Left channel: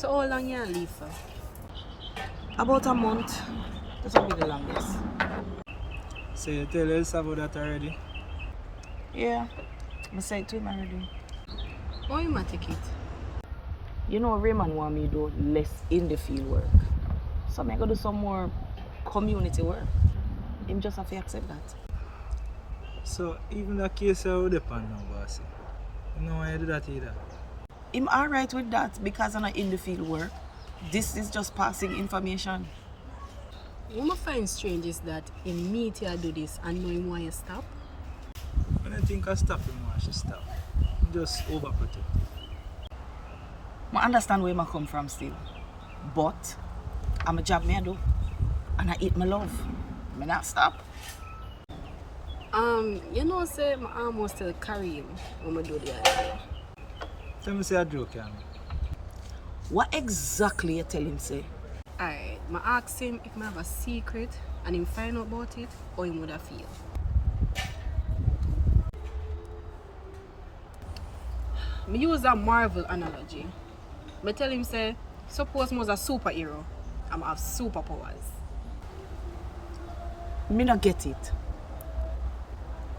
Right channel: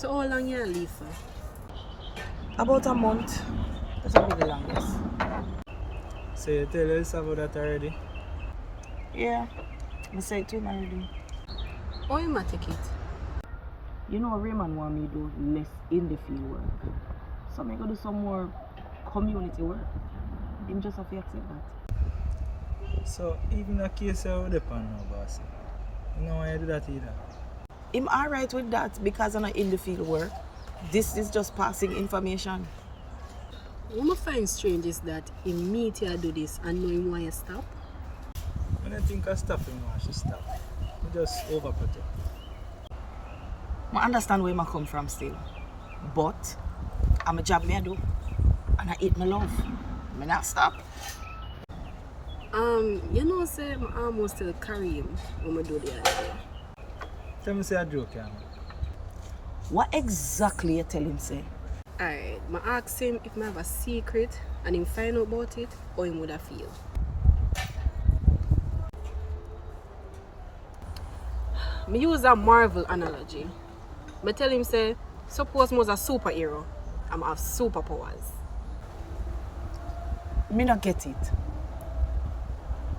So how long you leave for? About a month. That will be the longest. So you tell us about that already? Yeah, I said to him already. How you might take it? You know, Raymond want me to do less in the field work. So I'm going to do some more community work. Him just have to accept that. So even the case I would depend now, bossy. You know why you do that either? I'm alright with that because I'm not in the field work. This is just passing information. What I find strange is that him meet you do this and know him why you stop. When I think I stop him, I should stop. I just overprotect. I understand where I come from still. But I'm a job I do. And I eat my love. I not stop. You know, say my arm was still carry him when I do the other day. Tell me say a joke, yeah. What exactly you tell him say? Alright, I ask him if I have a secret and him find out about it, or him would have feel. I use a Marvel analogy. I tell him say, suppose I was a superhero and I have superpowers. Me not get it.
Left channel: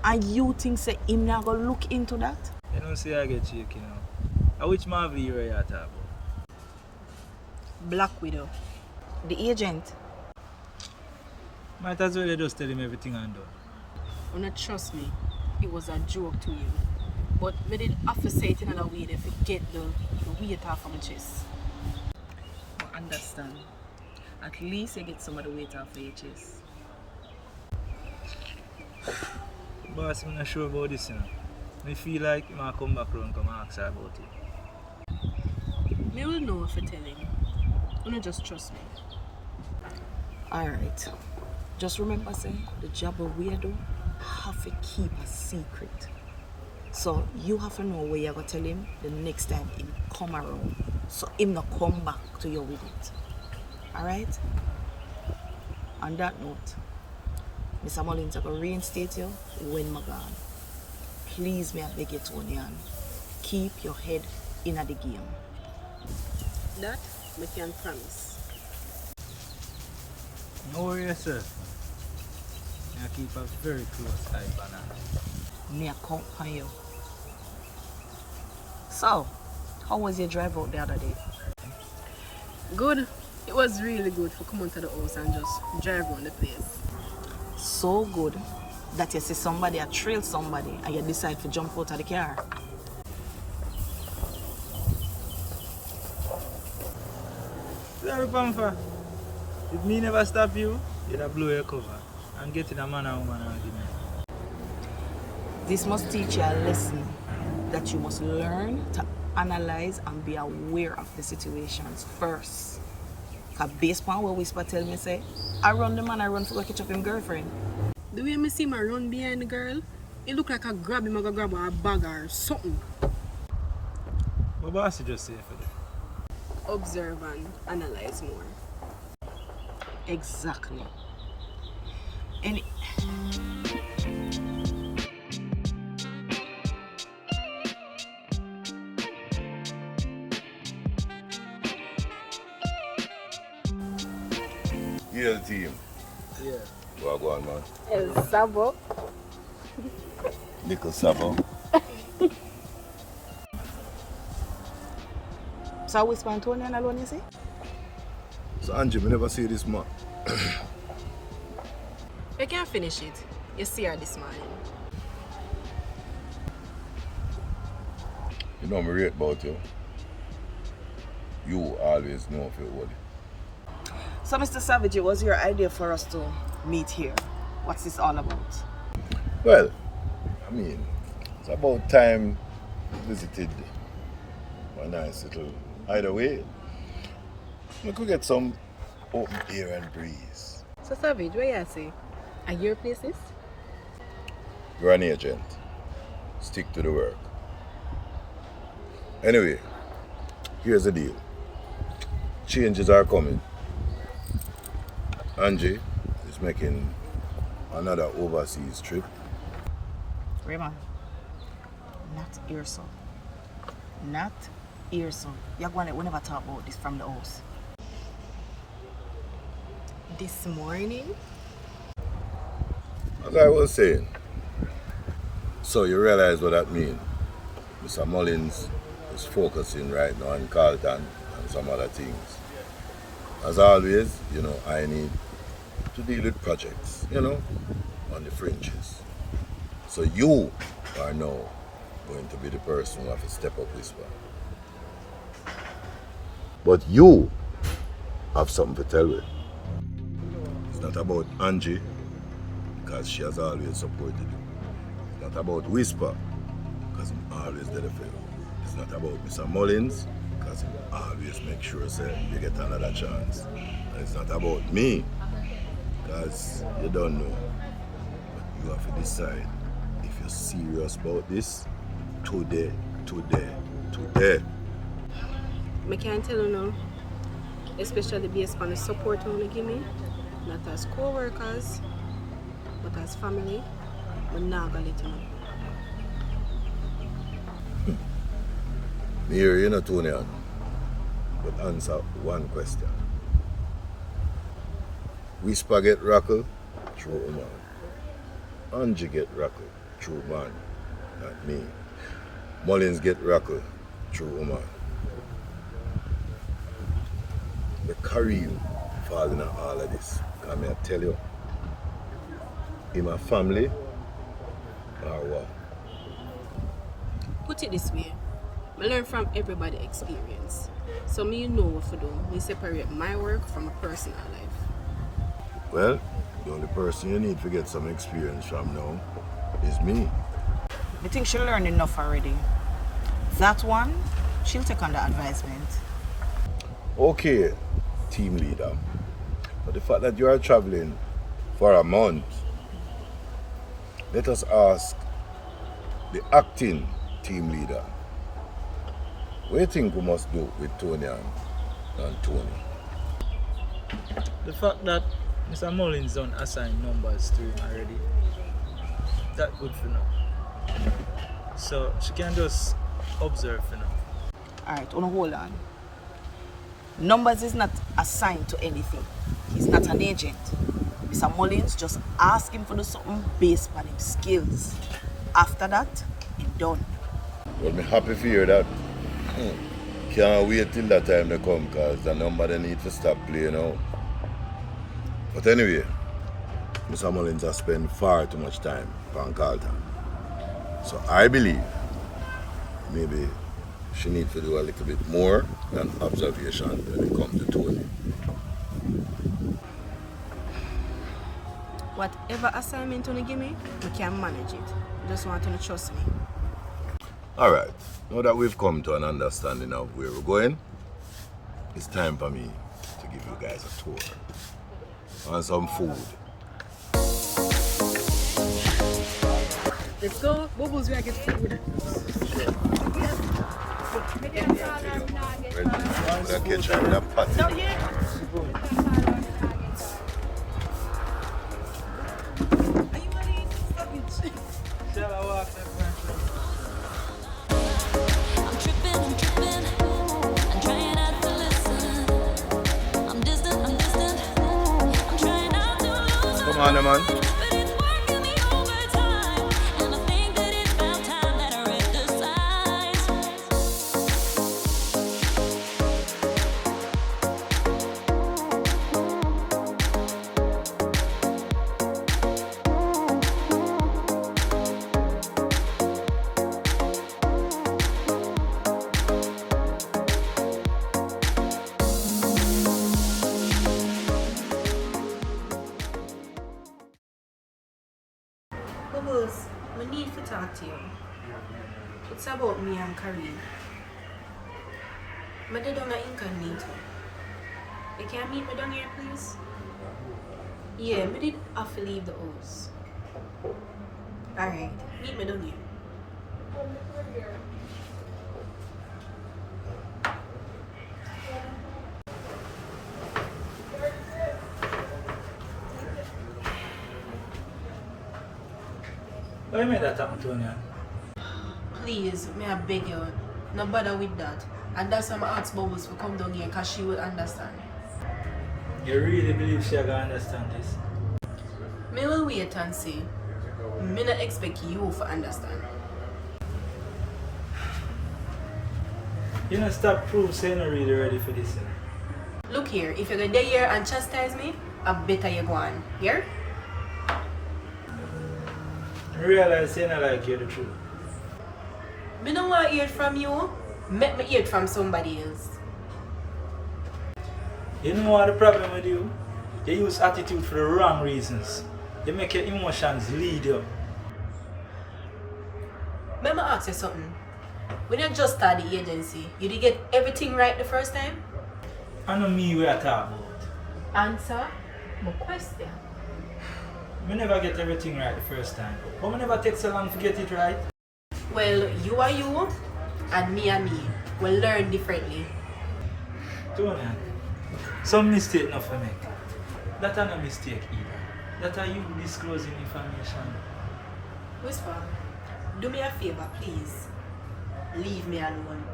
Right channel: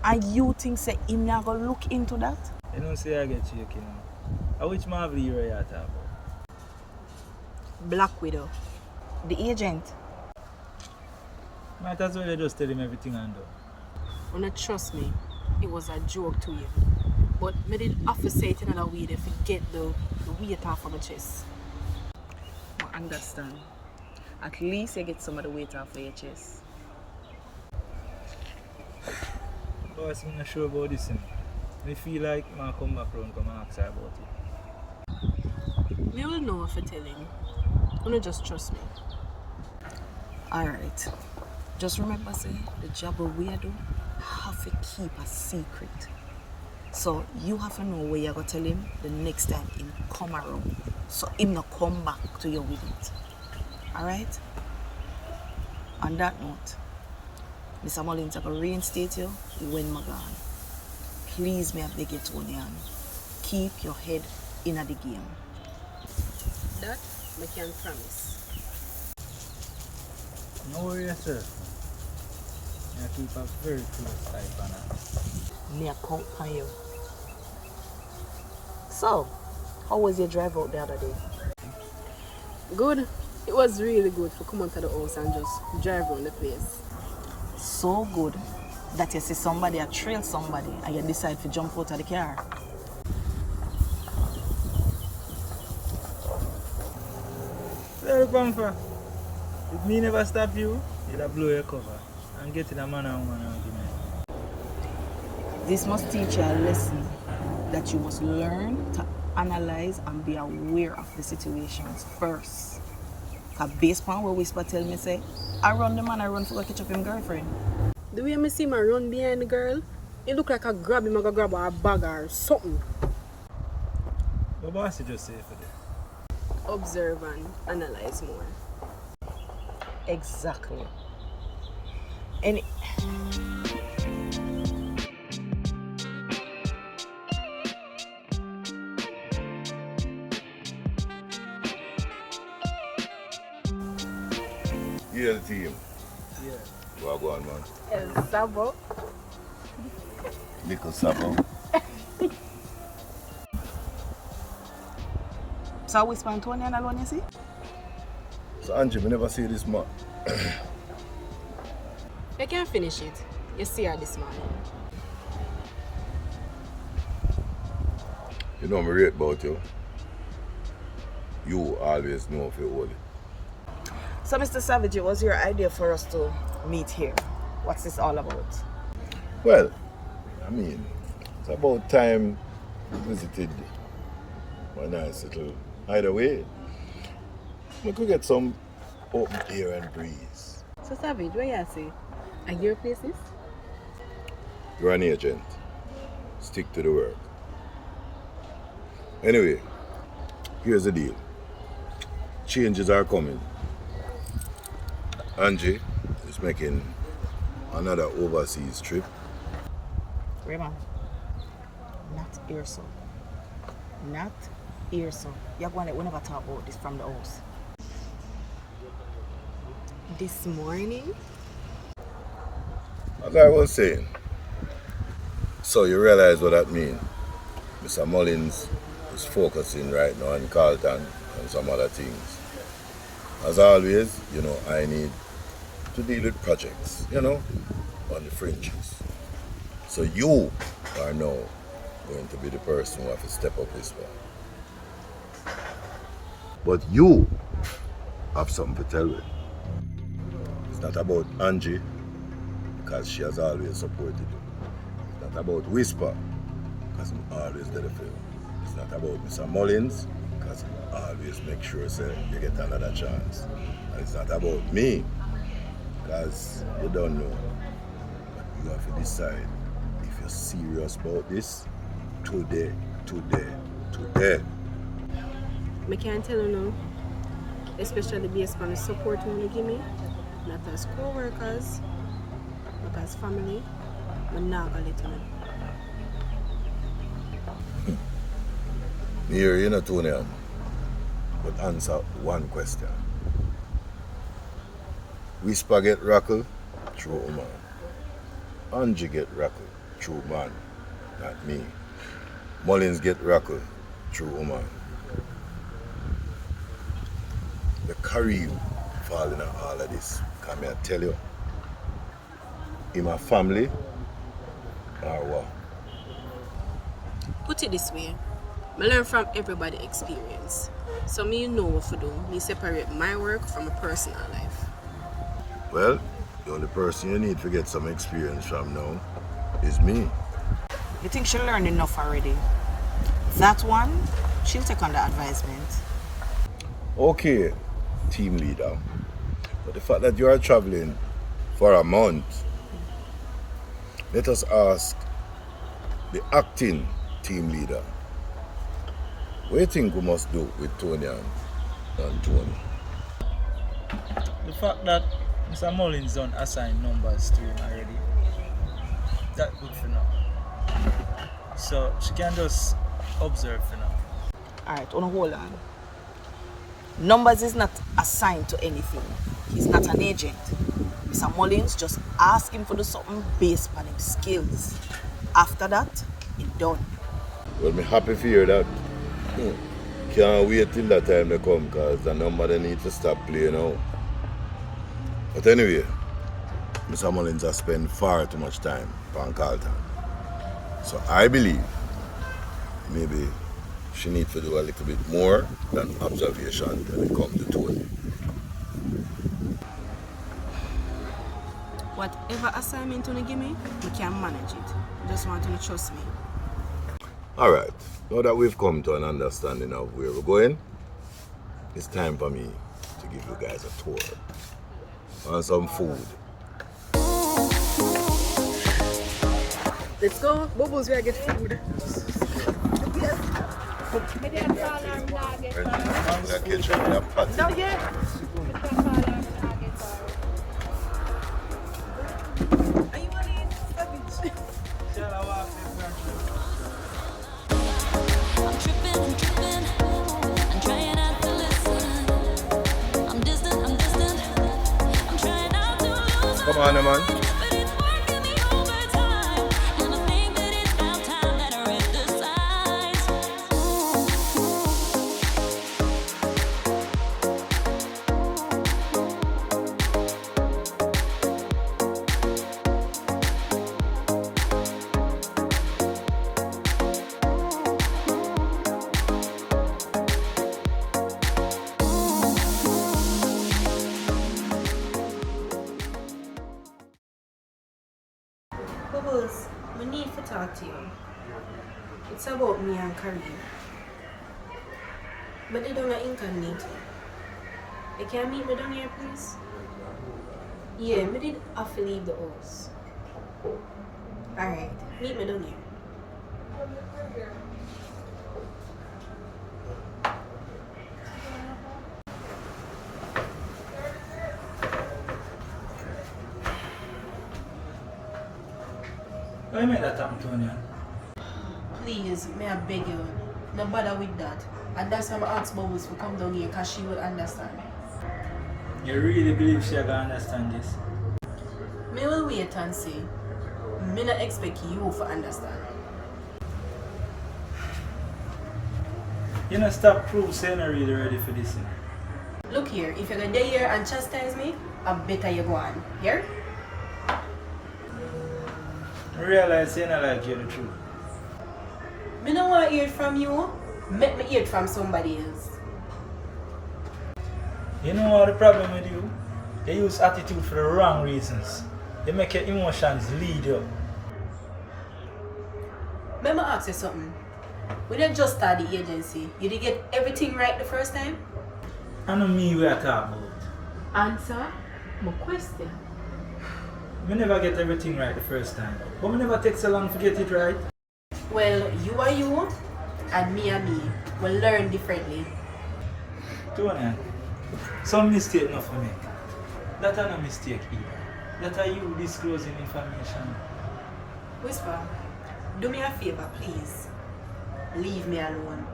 And you think say him not gonna look into that? You know say I get shaky now. Which Marvel hero you talk about? Black Widow. The agent. Might as well you just tell him everything and done. You not trust me, it was a joke to him. But I did have to say it in another way to forget the weight off of my chest. I understand. At least you get some of the weight off of your chest. Boss, I'm not sure about this, you know. I feel like I might come back around and ask her about it. Me will know if I tell him. You not just trust me. Alright. Just remember say the job of we do have to keep a secret. So you have to know where you're gonna tell him the next time he come around. So him not come back to you with it. Alright? On that note, Mr. Mullins, I'm gonna reinstate you when I'm gone. Please, may I beg you, Toniann, keep your head in the game. That I can promise. No worry yourself, man. I keep a very close eye on her. Me I count on you. So, how was your drive out the other day? Good. It was really good for come onto the house and just drive around the place. So good that you see somebody or trail somebody and you decide to jump out of the car. What look on for? If me never stop you, you'd have blow your cover and get in a man and woman argument. This must teach you a lesson that you must learn to analyze and be aware of the situations first. Because based on what Whisper tell me say, I run the man I run for go catch up him girlfriend. The way I see him run behind the girl, it look like I grab him, I go grab a bag or something. What boss you just say for that? Observe and analyze more. Exactly. And Yeah, the team. Yeah. Well, go on, man. El Sabo. Little Sabo. so Whisper and Toniann alone, you see? So, Angie, we never see this man. You can't finish it. You see her this morning. You know me rate about you. You always know if you hold it. So, Mr. Savage, it was your idea for us to meet here. What's this all about? Well, I mean, it's about time we visited my nice little hideaway. We could get some open air and breeze. So Savage, what you say? Are your places? You're an agent. Stick to the work. Anyway, here's the deal. Changes are coming. Angie is making another overseas trip. Raymond, not here, so. Not Here, so you're going to, we never talk about this from the house. This morning? As I was saying, so you realize what that means. Mr. Mullins is focusing right now on Carlton and some other things. As always, I need to deal with projects, on the fringes. So you are now going to be the person who have to step up this one. But you have something to tell me. It's not about Angie, because she has always supported you. It's not about Whisper, because I'm always there for you. It's not about Mr. Mullins, because he always make sure you get another chance. And it's not about me, because you don't know. But you have to decide if you're serious about this today. I can't tell you now. Especially based on the support you want to give me. Not as co-workers, but as family. I'm not going to let you know. Me hear you, Toniann, but answer one question. Whisper get rockle through woman. Angie get rockle through man, not me. Mullins get rockle through woman. The Kareem fall in all of this. Come here, tell you. In my family, or what? Put it this way. I learn from everybody's experience. So me know what to do. Me separate my work from my personal life. Well, the only person you need to get some experience from now is me. I think she learned enough already. That one, she'll take on the advisement. Okay, team leader. But the fact that you are traveling for a month, let us ask the acting team leader, what do you think we must do with Toniann and Tony? The fact that Mr. Mullins don't assign numbers to him already, that's good for now. So she can just observe for now. Alright, hold on. Numbers is not assigned to anything. He's not an agent. Mr. Mullins just ask him for do something based on his skills. After that, it's done. Well, I'm happy to hear that. Can't wait till that time to come, because the number they need to stop playing out. But anyway, Mr. Mullins has spent far too much time on Carlton. So I believe maybe she needs to do a little bit more than observation when it comes to Tony. Whatever assignment you give me, I can manage it. I just want you to trust me. Alright, now that we've come to an understanding of where we're going, it's time for me to give you guys a tour. And some food. Let's go. Bubbles, where I get food. Not yet. I'm tripping. I'm trying not to listen. I'm distant. I'm trying not to lose. Come on, man. But it's working me overtime. And I think that it's about time that I read the signs. Bubbles, I need to talk to you. It's about me and Kareem. I did on an incognito. You can meet me down here, please? Yeah, I did have to leave the house. Alright, meet me down here. Why you made that happen, Toniann? Please, may I beg you, no bother with that. And that's why I asked Bubbles to come down here because she would understand. You really believe she gonna understand this? Me will wait and see. Me not expect you to understand. You know, stop proof saying you're really ready for this. You know? Look here, if you're gonna stay here and chastise me, I better you go on. Here? I realize saying I like you the truth. Me don't want to hear it from you. Make me hear it from somebody else. You know what the problem with you? You use attitude for the wrong reasons. You make your emotions lead you. Let me ask you something. When you just started the agency, you did get everything right the first time? I know me we are talking about. Answer my question. We never get everything right the first time. But we never take so long to get it right. Well, you are you, and me will learn differently. Toniann, some mistake not for make. That are not mistake either. That are you disclosing information. Whisper, do me a favor, please. Leave me alone.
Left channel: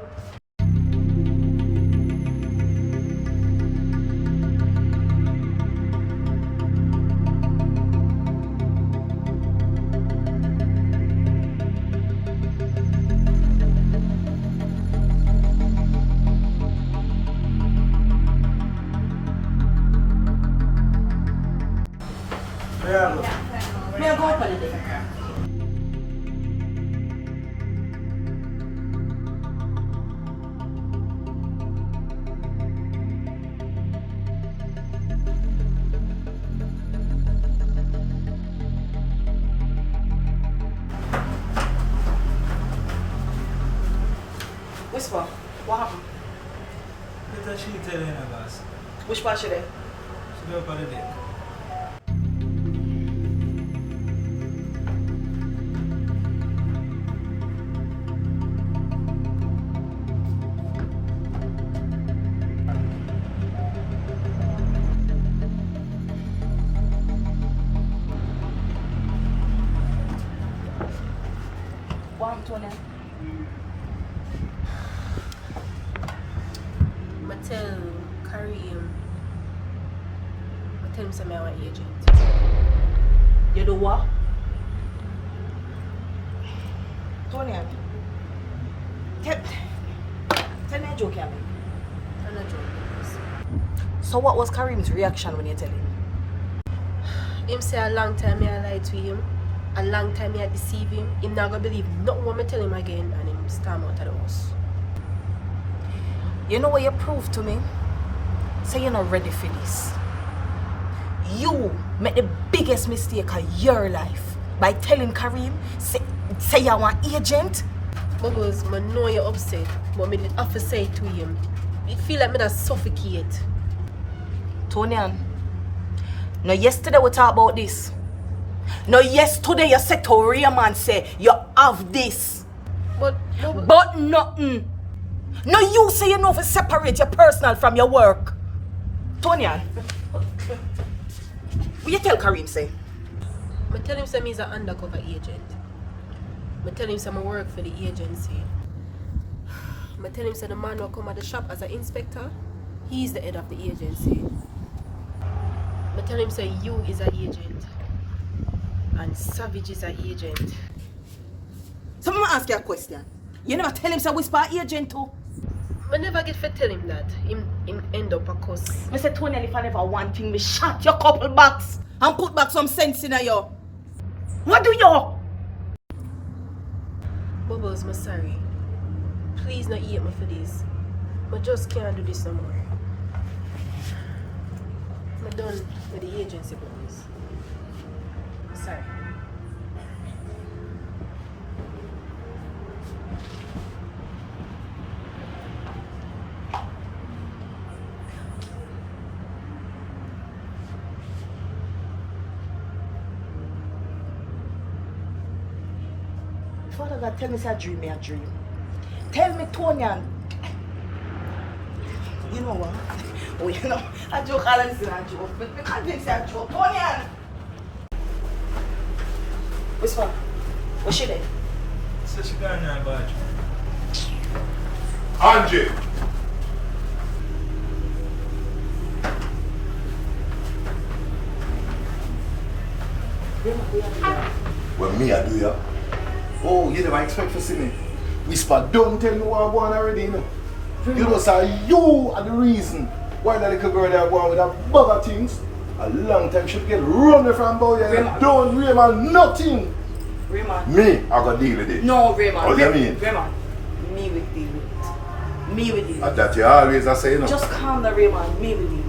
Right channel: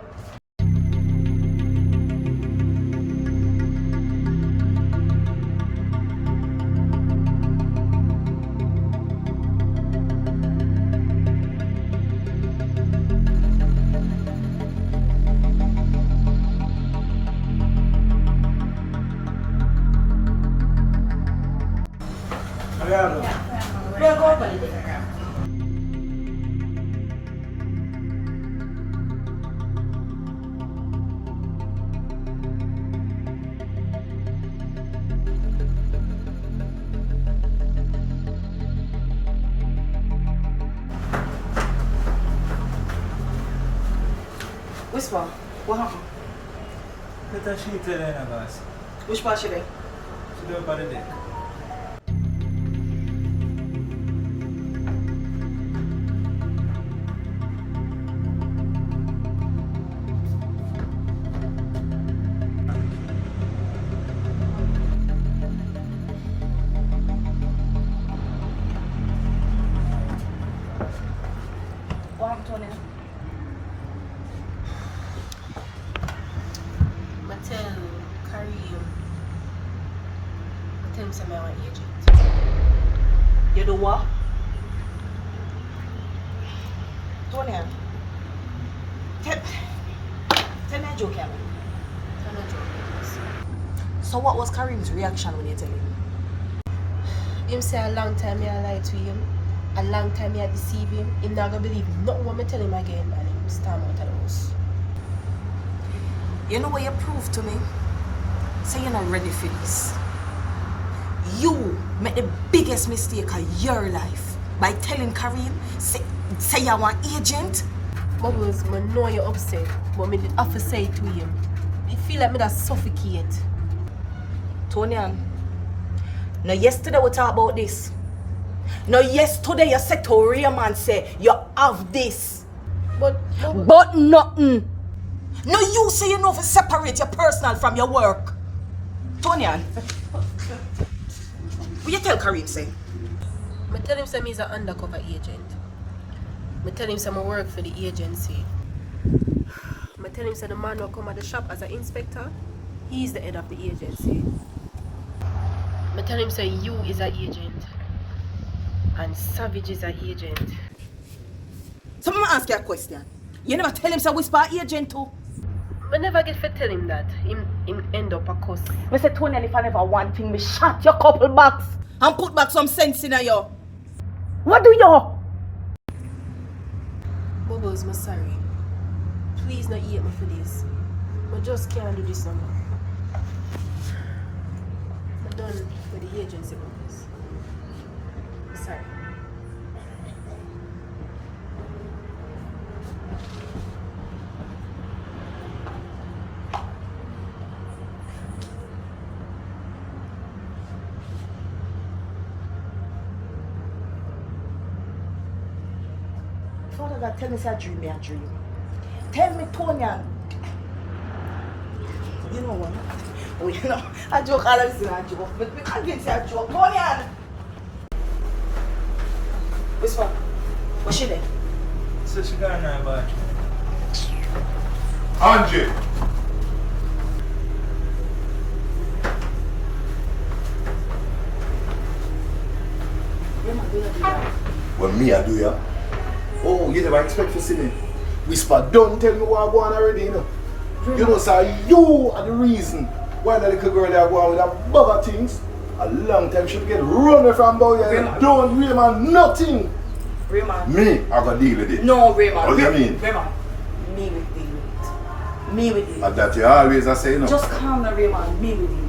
Where you go? May I go up a little? Whisper, what happened? Let she tell you, boss. Which part should I? She be up on the deck. What happened, Toniann? I tell Kareem. I tell him say I'm an agent. You do what? Toniann, tell me a joke, Yami. I'm not joking. So what was Kareem's reaction when you tell him? Him say a long time I lied to him. A long time I deceive him. Him not gonna believe nothing what me tell him again, and him storm out of the house. You know what you proved to me? Say you're not ready for this. You made the biggest mistake of your life by telling Kareem, say you're an agent. Bubbles, I know you're upset, but me did have to say it to him. I feel like me that suffocate. Toniann, now yesterday we talked about this. Now yesterday you said to Raymond say you have this. But Nothing. Now you say you know to separate your personal from your work. Toniann, will you tell Kareem say? I tell him say he's an undercover agent. I tell him say I work for the agency. I tell him say the man who come at the shop as an inspector, he's the head of the agency. I tell him say you is an agent. And Savage is an agent. So I'm gonna ask you a question. You never tell him say whisper agent too? I never get to tell him that. Him end up a cuss. I say Toniann, if I never want thing, me shot your couple bucks and put back some sense in you. What do you? Bubbles, I'm sorry. Please not hate me for this. I just can't do this no more. I'm done with the agency, Bubbles. Sorry. Father God, tell me say a dream. Tell me, Toniann. You know what? Oh, you know, a joke, I listen a joke. Me convince you a joke. Toniann! Whisper. What's she there? So she gone now about you. Angie! What me I do ya? Oh, you never expect to see me. Whisper, don't tell me what I'm going already, you know. You know, sir, you are the reason why that little girl there going with that bugger things. A long time she get run away from boy and don't Raymond nothing. Raymond. Me, I gotta deal with it. No, Raymond. What do you mean? Raymond. Me with deal with it. Me with deal. And that you always I say, you know. Just calm down, Raymond. Me with deal with it.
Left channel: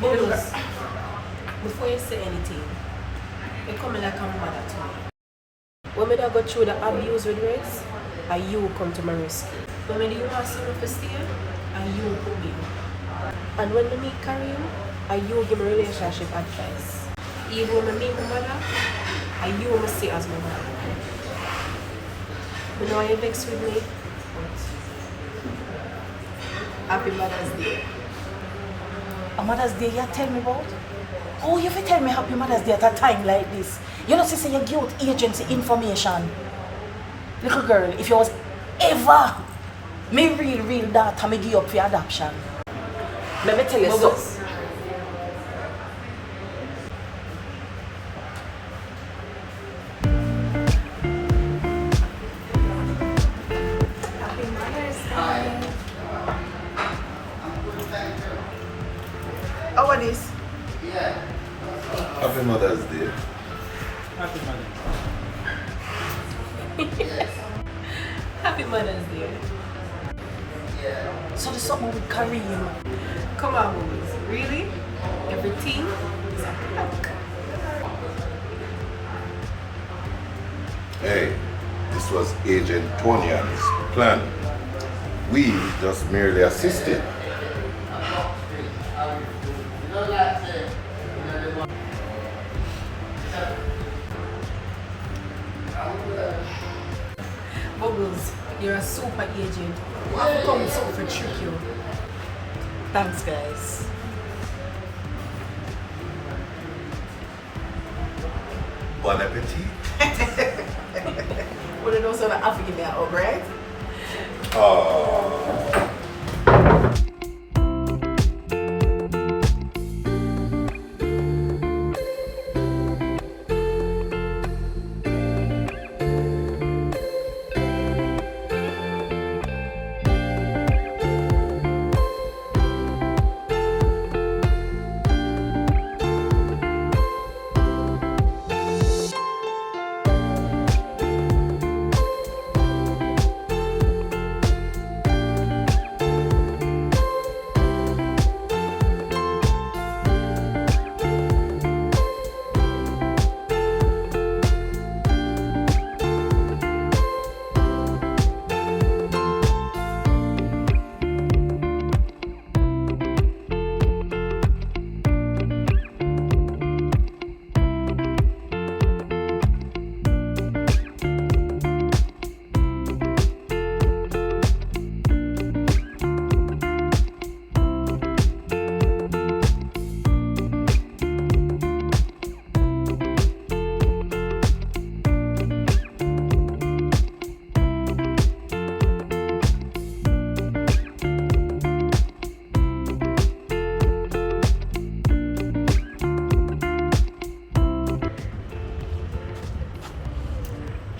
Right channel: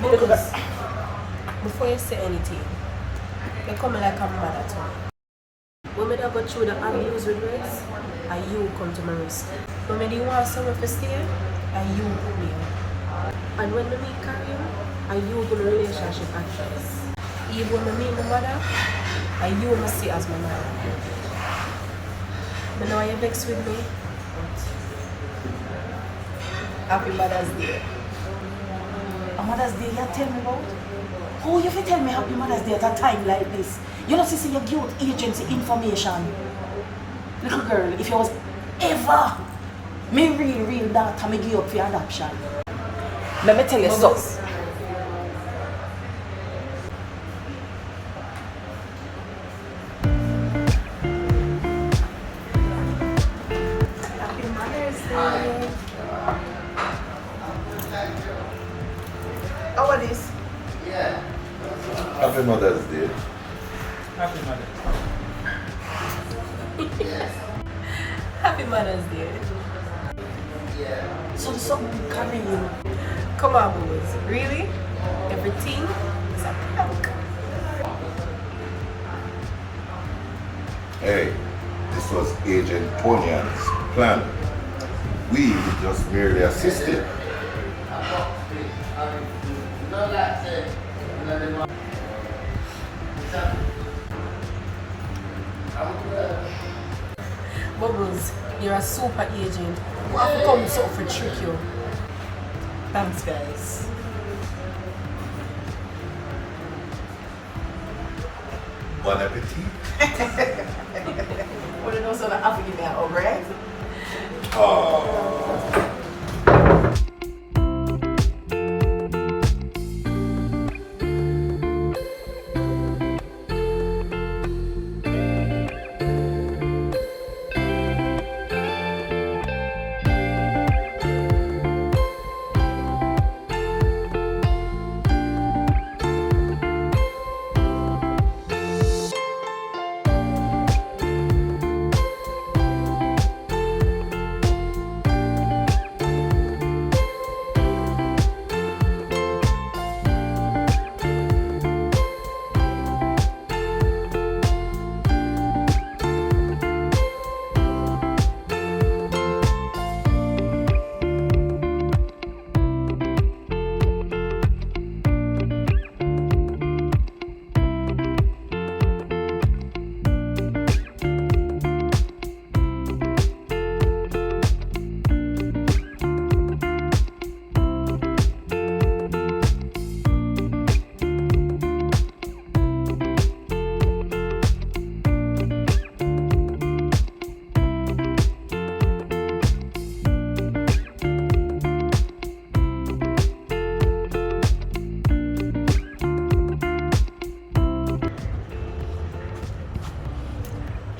Bubbles, before you say anything, you're coming like a mother to me. When I go through the abuse with Grace, and you come to my rescue. When I didn't want someone to stay, and you put me up. And when we carry you, and you give me relationship advice. Even when I meet my mother, and you must see as my mother. I know you're vexed with me, but happy Mother's Day. A Mother's Day you tell me about? Oh, you have to tell me Happy Mother's Day at a time like this. You know, sister, you give out agency information. Little girl, if you was ever me real daughter, me give you up for adoption. Let me tell you something. Happy Mother's Day. How are this? Happy Mother's Day. Happy Mother's Day. Happy Mother's Day. So there's something with Kareem. Come on, boys. Really? Everything is a prank. Hey, this was Agent Toniann's plan. We just merely assisted. Bubbles, you're a super agent. You have to come so for trick you. Thanks, guys. Bon appetit. What do you know, so that African now, right? Oh.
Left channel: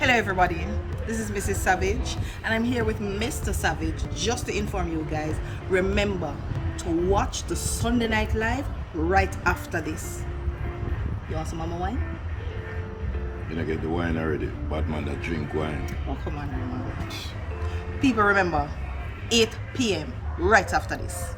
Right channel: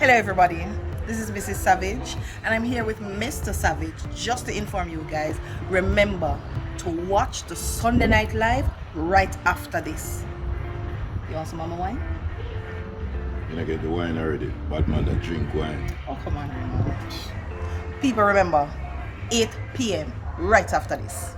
Hello everybody, this is Mrs. Savage and I'm here with Mr. Savage just to inform you guys, remember to watch the Sunday Night Live right after this. You want some mama wine? You know, get the wine already. Bad man that drink wine. Oh come on Raymond. People remember, 8 p.m. right after this.